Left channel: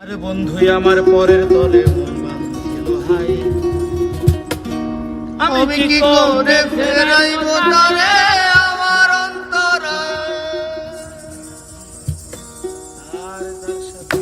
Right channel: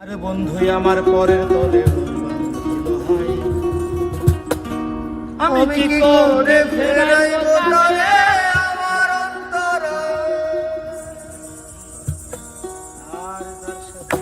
আরে বন্ধুই আমার পরের তলে মন বাঁধিল হাই, আমি কি করে ফেরাইব তারে আমার অন্তরে। আর তার সাথে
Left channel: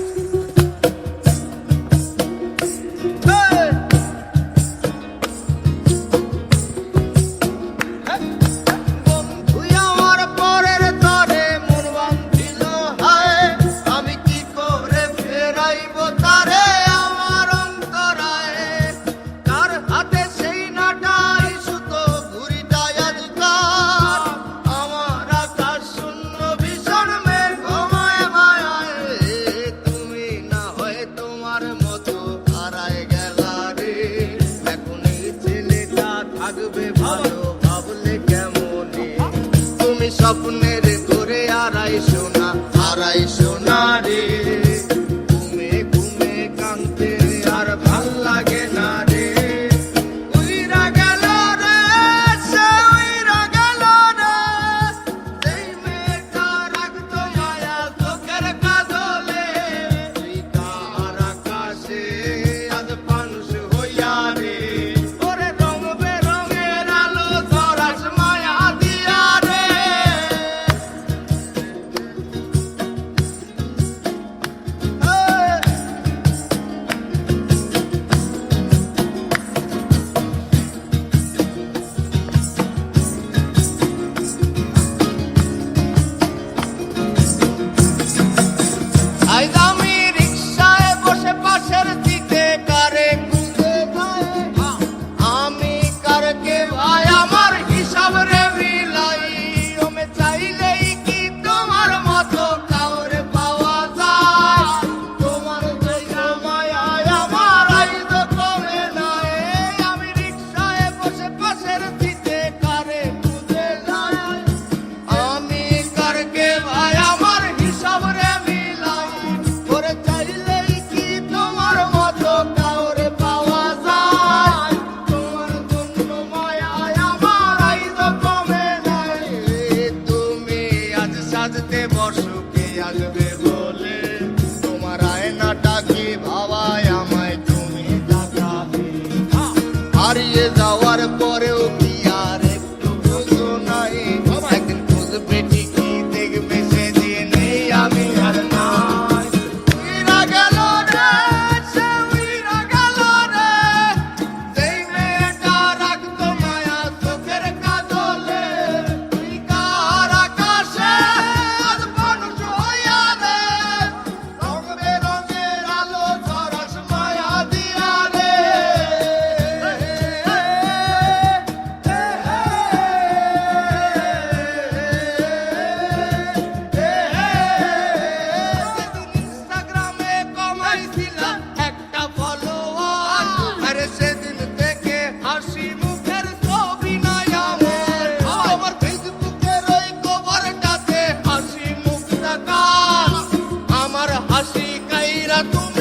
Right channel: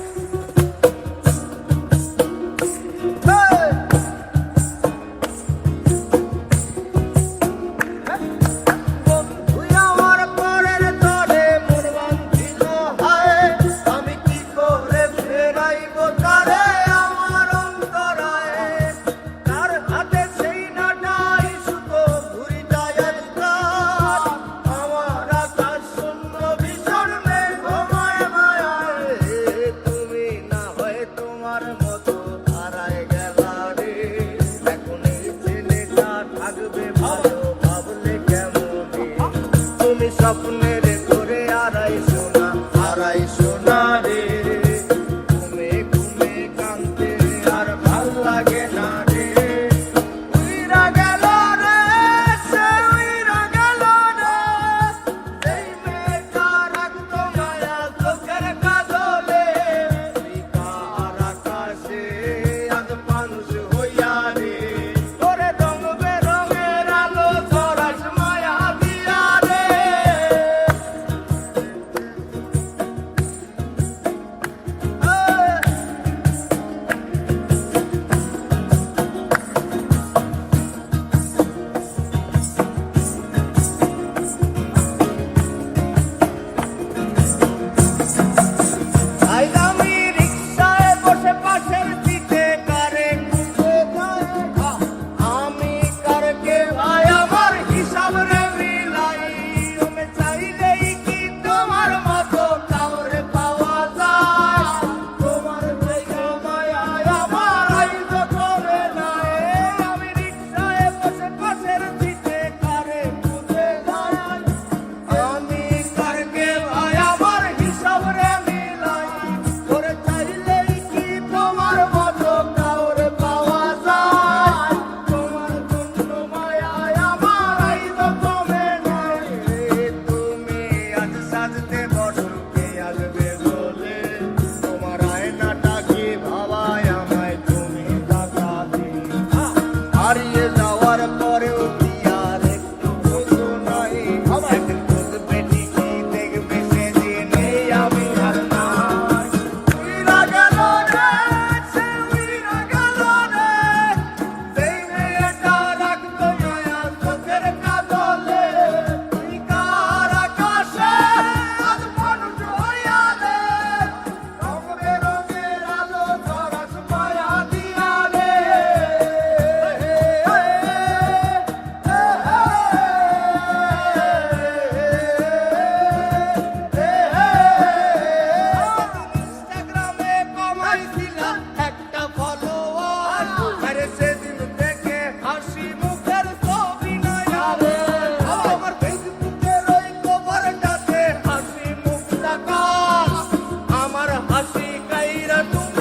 স্বপ্নের করে আড়াই সোনা রে, ঘুমে ঘুমে কাঁদতে আর ভাল লাগে না রে। উইরা গেল রে, সে উইরা গেল রে, সেই মেয়েটা রাখতো মায়া চোখের কাজলে। তুই কার আকাশে আজ মানুষ হইয়া রে, ওরে রং বেরঙের আলো ধরাস মায়া দিয়া রে। হারিয়ে যাওয়ার পরেও কি আর একটু বুঝো নাই, একদিন বুঝবে ঠিকই দেখবে সেদিন আমি আর নাই। উইরা গেল রে, সে উইরা গেল রে, সেই মেয়েটা রাখতো মায়া চোখের কাজলে। তুই কার আকাশে আজ মানুষ হইয়া রে, রং বেরঙের আলো ধরাস মায়া দিয়া রে। সেদিন থেকে হাসি মুখের ছবি নাই আমার, আমার ফেসবুকের ওই কভারটাতে হাসি মুখ দেখা, আমার হাসি কাইরা তুমি